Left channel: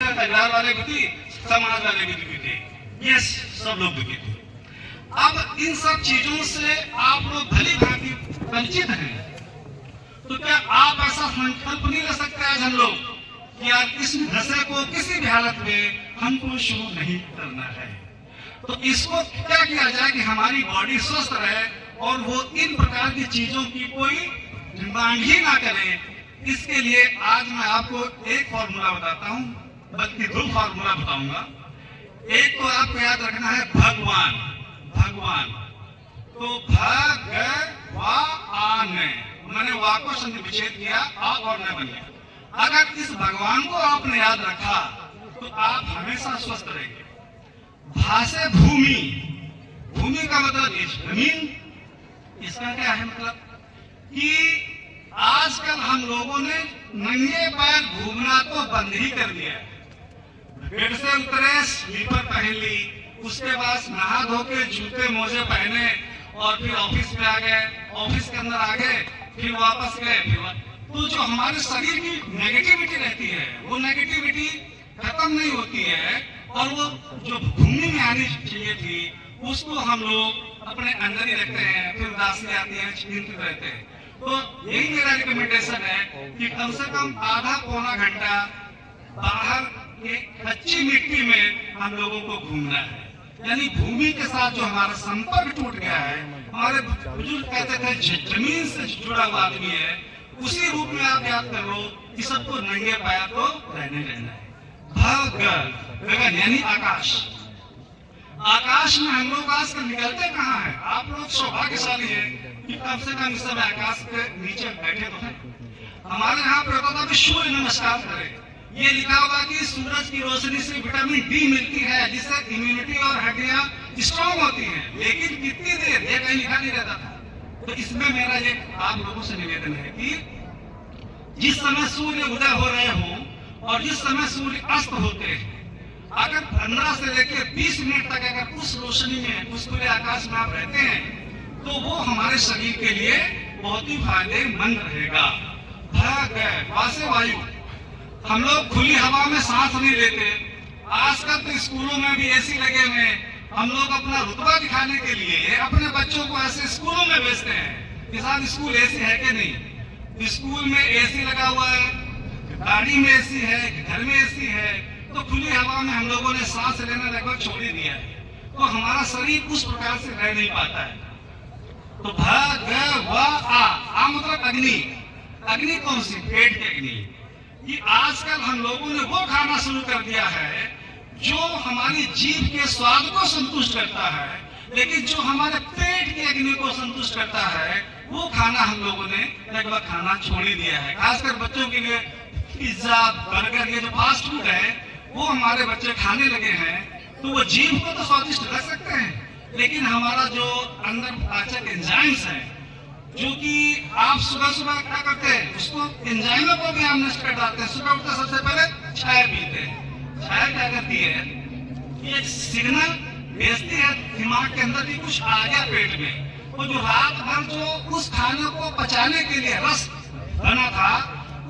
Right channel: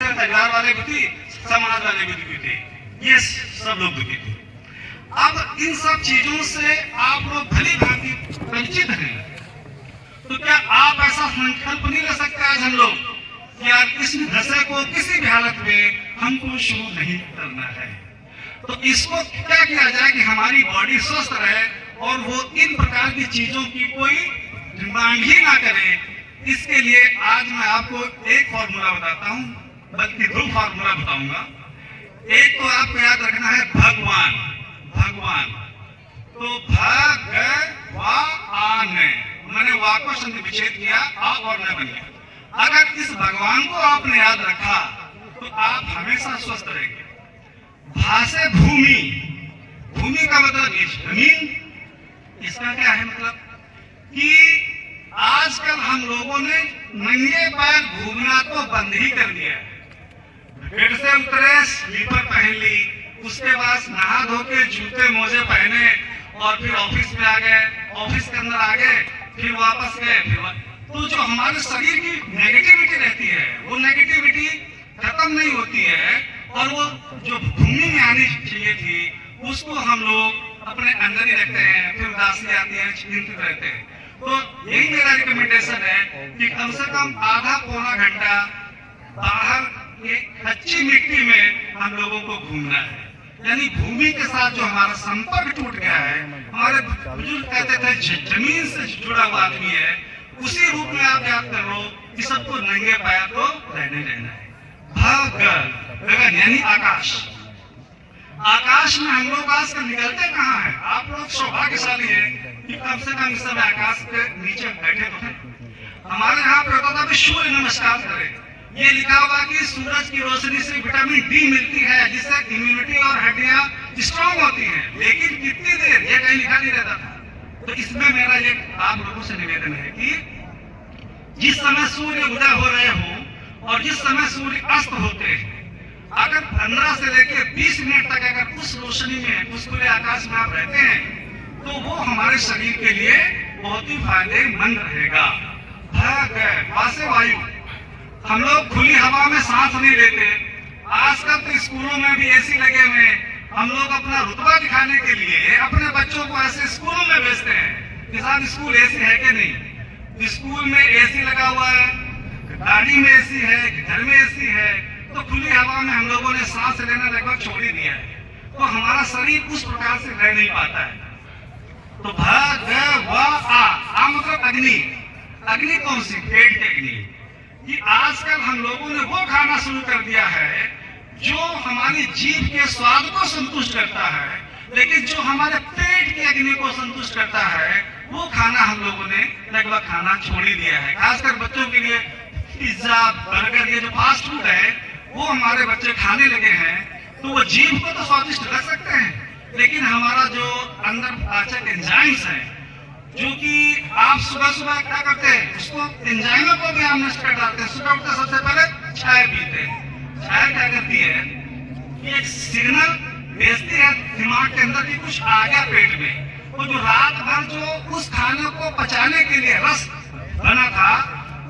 परिवार वाले भी थी, समाज वाले भी थे, ये सब लोग दुखी थे। अब इन सब चीजों से आप लोग भली भांति परिचित हैं, तो क्या आप ऐसा संकल्प नहीं ले सकते आज हम लोग कि यार इस नशे को किसी भी हालत में हमको शुरू नहीं करना है। तो इसको क्या किया जाए कि हमारी बॉडी स्वस्थ रहे और वो इन प्रकार की चीजों की कोई डिमांड ही ना करे। इसके लिए आज मैं आपको एक फॉर्मूला बताता हूँ, बल्कि दो फॉर्मूला बताऊंगा। एक तो आपको याद रखना है भगवान, भगवान तो भगवान, मैंने वा को संधि विच्छेद किया, आ और न बन गया। अगर इस भगवान को आपने याद रखा तो आप हमेशा स्वस्थ रहेंगे। भा से भूमि, भूमि का मतलब जमीन। इसका क्या है मतलब कि आजकल हम लोगों ने नंगे पैर घूमना तो बंद ही कर दिया है। बेड से उतरे, स्लीपर पहन ली, उसके बाद नहा धो के जूते मोजे पहने और फिर ऑफिस में आ गए, ऑफिस के अंदर आ गए, फिर वापस गए। तो जो हमारे शरीर की नेगेटिविटी रहती है वो नेगेटिविटी खत्म नहीं होती है, और वो जो भूमि में आनी चाहिए थी उसको हम लोग अपने अंदर ही रखते हैं, फिर उदासी आती है, चिंतित रहते हैं। तो यही मेरा रिकमेंडेशन है कि कम से कम आधा पौना घंटा बाहर ये कच्ची मिट्टी में हम लोगों को घूमना है। यानी भूमि के साथ जो हमारा संपर्क टूट गया है, हमारे बुजुर्ग कहते थे जमीन से जुड़ा हुआ आदमी है, उसी रूप में आप याद कर लो कि सबको नंगे पैर तो रहने देना है। गगन यानी आकाश, आकाश में हम लोग आजकल निकलते कहाँ है? आप लोग सौभाग्यशाली है कि कम से कम इस समय आकाश के नीचे बैठे तो हैं। हमारे यहाँ पे होता था कि सूर्य नमस्कार करें, ये लिखा हुआ कि सूरज की रोशनी से विटामिन डी मिलती है जिससे इम्यूनिटी और हड्डियां स्ट्रॉन्ग होती हैं, लेकिन कितनी देर ये कहीं लिखा नहीं रहता था। तो इसमें मेरा ये आप लोगों से निवेदन है कि जिस समय सूर्य उदय हो रहे हो और जिस समय सूर्य अस्त होते हैं, अगर 15 से लेकर 20 मिनट तक अगर उस रोशनी में, उस खुले आकाश में आप रहते हैं तो वो हमारे शरीर के लिए बहुत ही फायदेमंद रहेगा। वासे वायु, हम लोग खुली हवा में सांस नहीं लेते। आजकल तो स्कूलों में भी एसी लगे हुए हैं, हम लोग अपना रुतबा दिखाने के लिए अपने बच्चों को ऐसे स्कूलों में भेजते हैं कि साहब स्कूल एसी है कि नहीं। स्कूल में एसी लगा हुआ है, गाड़ी में एसी है, घर में एसी है, तो खुली हवा में हम लोगों ने सांस लेना लगभग छोड़ ही दिया है। तो हमारा शरीर उस प्रकार से रह नहीं पाता है। तो आ मतलब अग्नि, अग्नि कौन सी? पेट की अग्नि। कि आजकल हम लोगों ने वो खाना शुरू कर दिया है जो हमारी जीभ के स्वाद को संतुष्ट करता है, लेकिन जो हमारे पेट की अग्नि को संतुष्ट करता है वो खाना हम लोगों ने लगभग खाना छोड़ ही दिया है। खासकर बच्चों के लिए पिज्जा, बर्गर, ये जो फास्ट फूड है वो हमारे बच्चे खाने लगे हैं। तो वो जीभ को तो स्वादिष्ट रख सकते हैं, लेकिन हमारा जो अंदर पाचक एंजाइम्स है, जो कि आप सुबह सुबह क्या करते हैं, उसको एंजाइमों को भी आप नष्ट कर डालते हैं। सुबह उठते सबसे पहले चाय पीते हैं। चाय क्या करती है, एक सिग्नल भेजती है दिमाग के अंदर कि कुछ आ गया पेट में। वो जो रात भर जो उस खाने को पचाने के लिए रस बना था,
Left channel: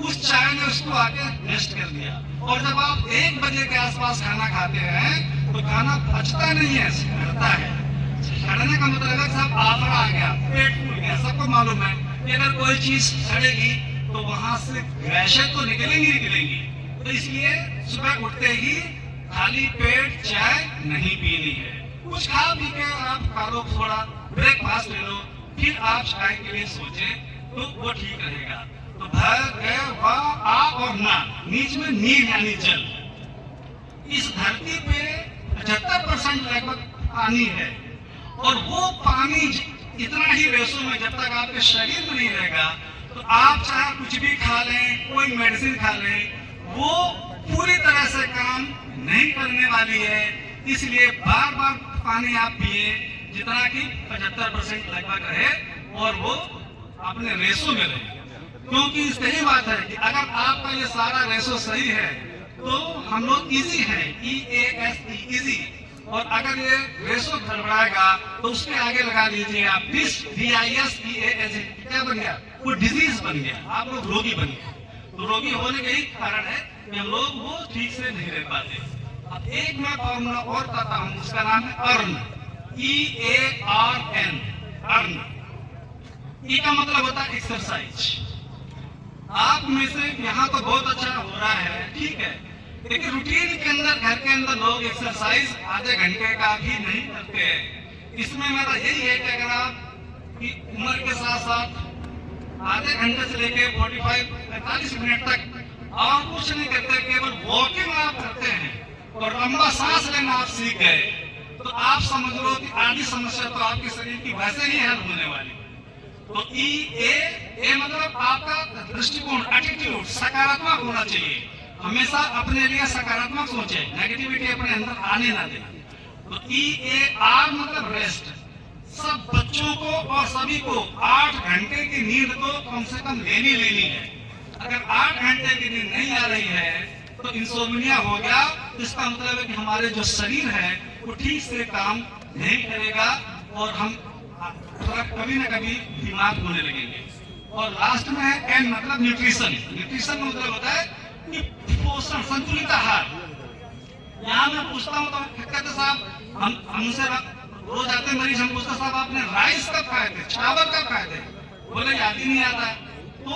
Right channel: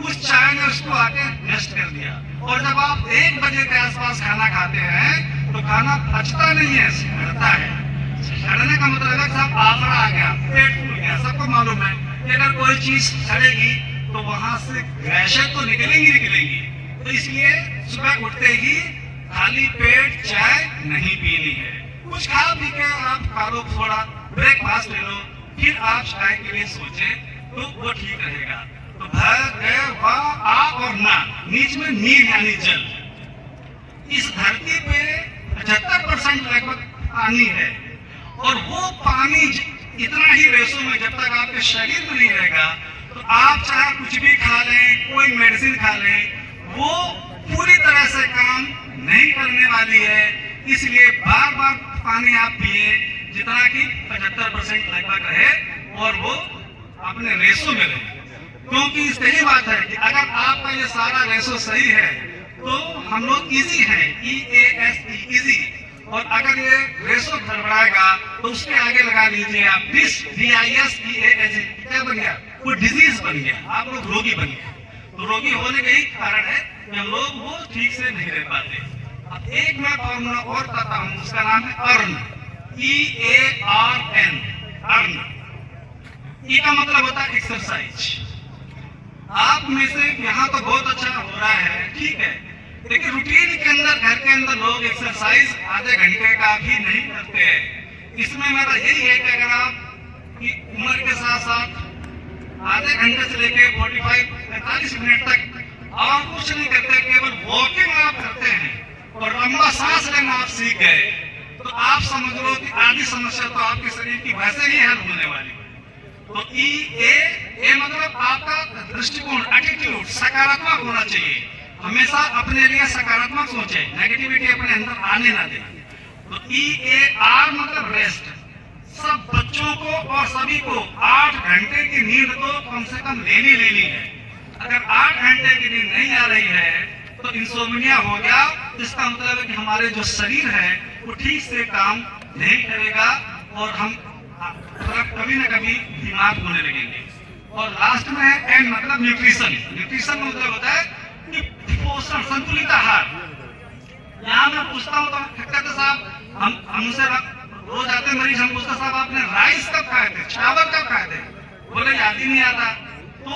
उस चाय ने उसको आके नष्ट कर दिया। और जब आप 1 बजे के आसपास खाना खाते हैं तो खाना पचता नहीं है, सड़ता है। सड़ने का मतलब है साहब आफरा आ गया, पेट फूल गया। सबको मालूम है कि अगर कोई चीज सड़ेगी तो वहां से गैसें तो निकलेंगी निकलेंगी। तो इसलिए सुबह उठते ही खाली पेट चाय नहीं पीनी है। कुछ खा पी के आप खा लो, थोड़ा ब्रेकफास्ट ले लो, फिर आप चाय के लिए सोचे तो वो ठीक रहेगा। तो आ और ना, नीच में नीर यानी जल। इस धरती पे 75% लगभग पानी है, और वो पानी इतना ही रेशो में जब तक आपके शरीर में नहीं रहेगा तो आप चाहे कुछ भी खा लें, कोई मेडिसिन खा लें, वो पूरी तरह से काम नहीं करने वाली है। इसलिए बार बार पानी आप पिए जितना कि 75% लगभग रहे और वो अपने रेशो में रहे। क्योंकि सही बात है कि अगर आपका ये सारा रेशो सही है तो हम लोग इजी हैं, EASE इजी। और अगर ये रेशो गड़बड़ाएगा तो उसके आगे लगा लीजिए आप DISEASE, क्या बन गया? वो डिजीज बन गया, आप लोग रोगी बन गए। तो रोगी होने का ही कारण है कि हम लोग वो ठीक से नहीं रह पाते। अब एक मैं फॉर्मूला और बताता हूँ, उसका नाम है अर्न, EARN, अर्न। ई का मतलब होता है एक्सरसाइज। आप में से यहाँ तो बहुत अच्छा हो रहा है, ठीक है, लेकिन रूटीन के अंदर घर के अंदर लोग एक्सरसाइज आधे घंटे का भी नहीं करते हैं। इसमें मेरा यही है कि अगर आप की उम्र के साथ साथ आधे घंटे से लेके 45-45 मिनट तक और कुछ नहीं करते, केवल वॉकिंग आप करते हैं और लंबा सांस लेना आप सीख गए, तो आप समझ लो कि आधी समस्या तो आपके शरीर की वैसे ही हल होने वाली। तो ए मतलब आपका दृष्टिकोण, एटीट्यूड सकारात्मक होना चाहिए। हमेशा अपने लिए सकारात्मक सोचे, नेगेटिविटी अपने अंदर आने ना दे। तो EAR मतलब रेस्ट। सब बच्चों को और सभी को 8 घंटे की नींद तो कम से कम लेनी है। अगर 8 घंटे की नींद नहीं आ रही है तो इंसोम्निया हो गया। इसका मतलब है कि हमारे जो शरीर है वो ठीक से काम नहीं करेगा और हम कभी न कभी बीमार होने लगेंगे। और लास्ट में है एन मतलब न्यूट्रिशन। न्यूट्रिशन मतलब होता है कि पोषण, संतुलित आहार। यहाँ मैं पूछता हूँ तो कहते साहब, हमसे रोज आते मरीज, हम पूछते साहब आपने राइस कब खाए थे, चावल कब खाए थे, बोले याद ही नहीं आता। तो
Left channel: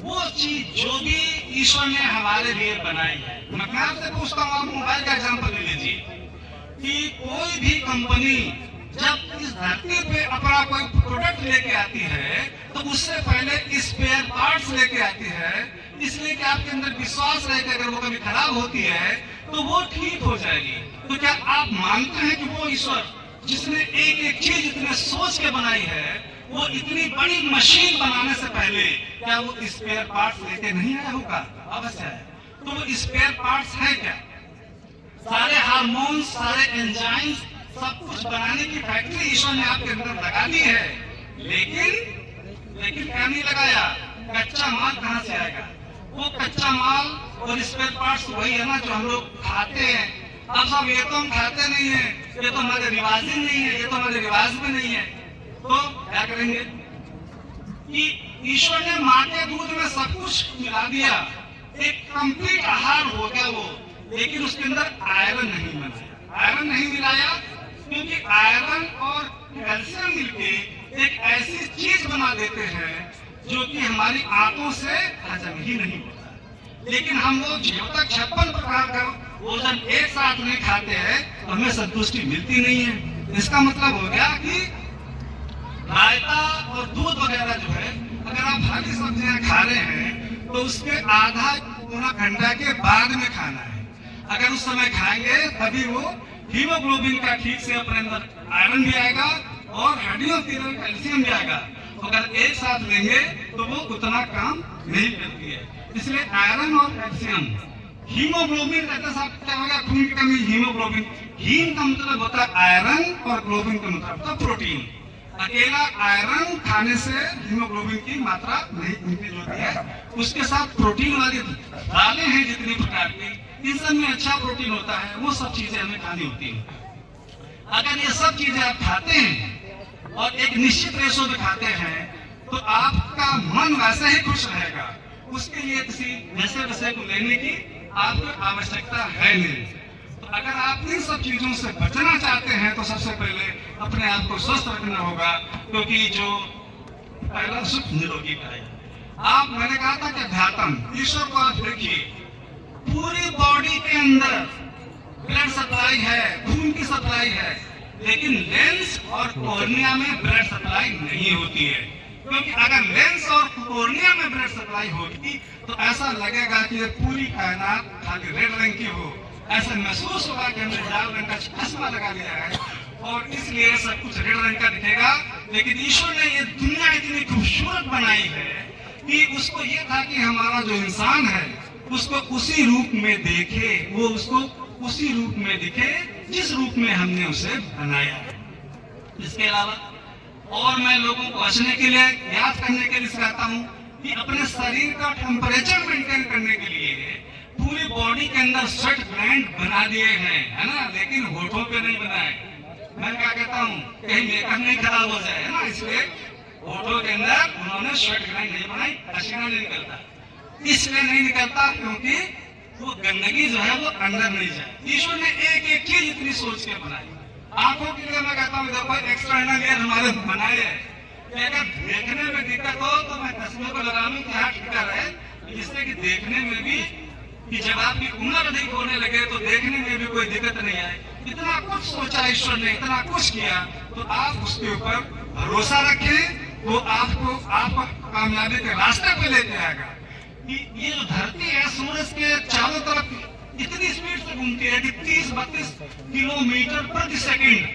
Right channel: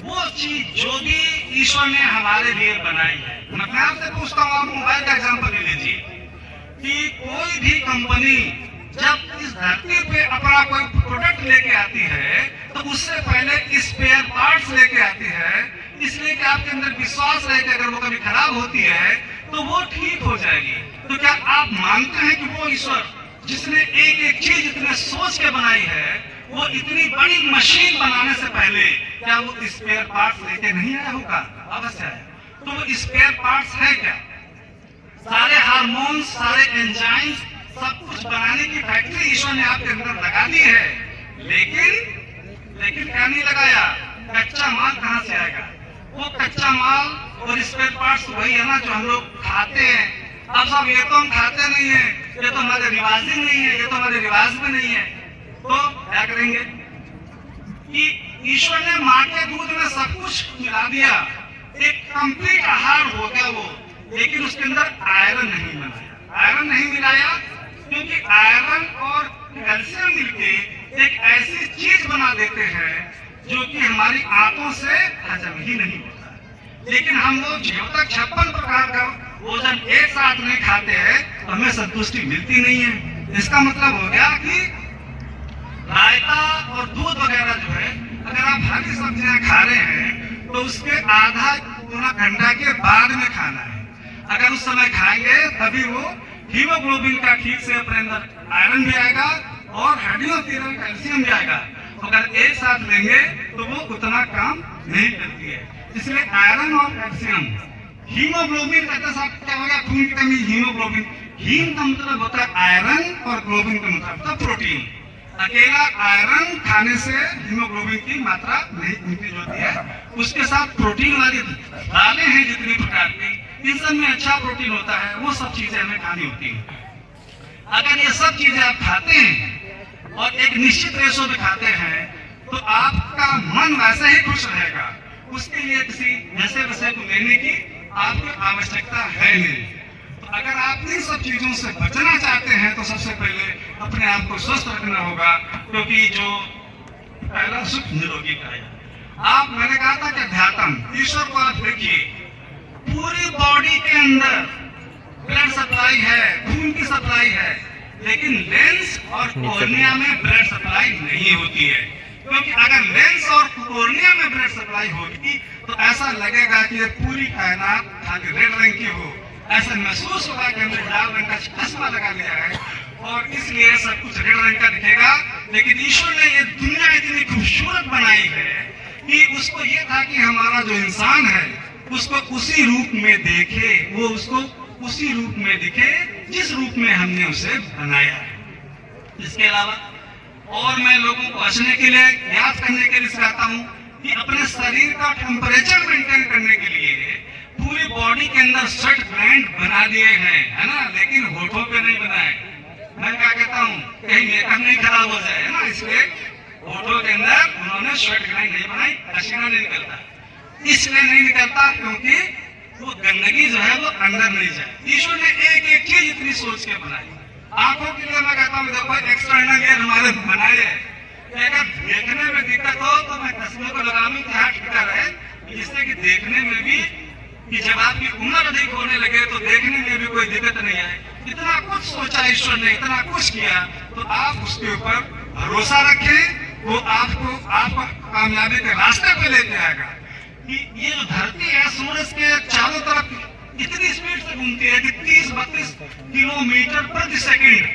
वो चीज जो भी ईश्वर ने हमारे लिए बनाई है, मैं आपसे पूछता हूँ, आप मोबाइल का एग्जाम्पल ले लीजिए कि कोई भी कंपनी जब इस धरती पे अपना कोई प्रोडक्ट लेके आती है तो उससे पहले स्पेयर पार्ट्स लेके आती है, इसलिए कि आपके अंदर विश्वास रहे कि अगर वो कभी खराब होती है तो वो ठीक हो जाएगी। तो क्या आप मानते हैं कि वो ईश्वर जिसने एक एक चीज इतने सोच के बनाई है, वो इतनी बड़ी मशीन बनाने से पहले क्या वो स्पेयर पार्ट्स लेके नहीं आया होगा? अवश्य है। तो वो स्पेयर पार्ट्स है क्या? सारे हार्मोन्स, सारे एंजाइम्स, सब कुछ बनाने की फैक्ट्री ईश्वर ने आपके अंदर लगा दी है, लेकिन क्या नहीं लगाया? कच्चा माल कहाँ से आएगा? वो कच्चा माल और स्पेयर पार्ट्स वही है ना जो हम लोग खाते हैं। अब सब ये तो हम खाते नहीं है, ये तो हमारे रिवाज ही नहीं है, ये तो हमारे रिवाज में नहीं है, तो क्या करेंगे कि ईश्वर ने माँ के दूध में सब कुछ मिला दिया, एक कंप्लीट आहार हो गया वो, लेकिन उसके अंदर आयरन नहीं बनाया। आयरन नहीं मिलाया क्योंकि आयरन और कैल्शियम मिलके एक ऐसी चीज बना देते हैं जो कि हमारी आंतों से हजम ही नहीं होता। लेकिन हम लोग जब तक 56 प्रकार का भोजन एक साथ में खाते हैं तो हमें संतुष्टि मिलती नहीं है। इसका मतलब हो गया कि रायता और दूध वगैरह जो है, अगर आप हरी सब्जियां खा रहे हैं तो उसके आधा पौना घंटा के बाद में खाना है। अगर उस समय खाएंगे तभी वो हीमोग्लोबिन का ठीक से अपने अंदर आयरन भी आएगा और हड्डियों के अंदर कैल्शियम भी आएगा। अगर एक साथ लेंगे तो वो उतना काम नहीं करती है। इसलिए आयरन और कैल्शियम, हीमोग्लोबिन कहते साहब क्या होगा? खून की कमी, हीमोग्लोबिन। हीम का मतलब होता है आयरन और ग्लोबिन का मतलब होता है प्रोटीन। अकेला आयरन खाने से हीमोग्लोबिन की मात्रा नहीं इंक्रीज होती है, उसके साथ प्रोटीन वाली दालें हैं जितनी प्रकार की, इन सब में अच्छा प्रोटीन होता है, वो सब चीजें हमें खानी होती है। अगर ये सब चीजें आप खाते हैं और एक निश्चित रेशो में खाते हैं तो आपका मन वैसे ही खुश रहेगा। उसके लिए किसी नशे वशे को लेने की आपको आवश्यकता है नहीं। तो अगर आप इन सब चीजों से बचना चाहते हैं तो सबसे पहले अपने आप को स्वस्थ रखना होगा, क्योंकि जो पहला सुख निरोगी काया। मैंने कहा था कि अध्यात्म, ईश्वर को आप देखिए, पूरी बॉडी के अंदर ब्लड सप्लाई है, खून की सप्लाई है, लेकिन लेंस और कॉर्निया में ब्लड सप्लाई नहीं होती है। क्योंकि अगर लेंस और कॉर्निया में ब्लड सप्लाई होगी तो ऐसा लगेगा कि ये पूरी कायनात खाली रेड रंग की हो, ऐसा महसूस होगा कि हमने लाल रंग का चश्मा लगा लिया है और इसलिए सब कुछ रेड रंग का दिखेगा। लेकिन ईश्वर ने ये दुनिया इतनी खूबसूरत बनाई है कि उसको ये था कि हमारा जो इंसान है उसको उसी रूप में देखे, वो उसको उसी रूप में दिखे जिस रूप में हमने उसे बनाया है। इसके अलावा और मैं लोगों को हंसने के लिए, याद करने के लिए सिखाता हूँ कि अपने शरीर का टेम्परेचर मेंटेन करने के लिए पूरी बॉडी के अंदर स्वेट ग्लैंड बना दिए हैं, है ना, लेकिन होठों पे नहीं बनाए। मैं क्या कहता हूँ, कहीं मेकअप नहीं खराब हो जाए, है ना, इसलिए होठों के अंदर उन्होंने स्वेट ग्लैंड नहीं बनाई, पसीना नहीं निकलता। इसलिए नहीं निकलता क्योंकि वो गंदगी जो है वो अंदर नहीं जाए। ईश्वर ने एक एक चीज इतनी सोच के बनाई। आंखों के लिए मैं कहता हूँ देखो एक्सटर्नल एयर हमारे बनाए है कि अगर देखने में दिक्कत हो तो मैं तस्वीर को लगाऊं कि हाँ ठीक है, जिससे कि देखने में भी कि जब आपकी उम्र अधिक होने लगे तो देखने में भी कोई दिक्कत नहीं आए। इतना कुछ सोचा ईश्वर ने, इतना कुछ किया, तो आप उसके ऊपर भरोसा रखें, वो आपको कामयाबी के रास्ते पे लेके आएगा। कि ये जो धरती है सूरज के चारों तरफ इतनी स्पीड से घूमती है कि 30-32 किलोमीटर प्रति सेकंड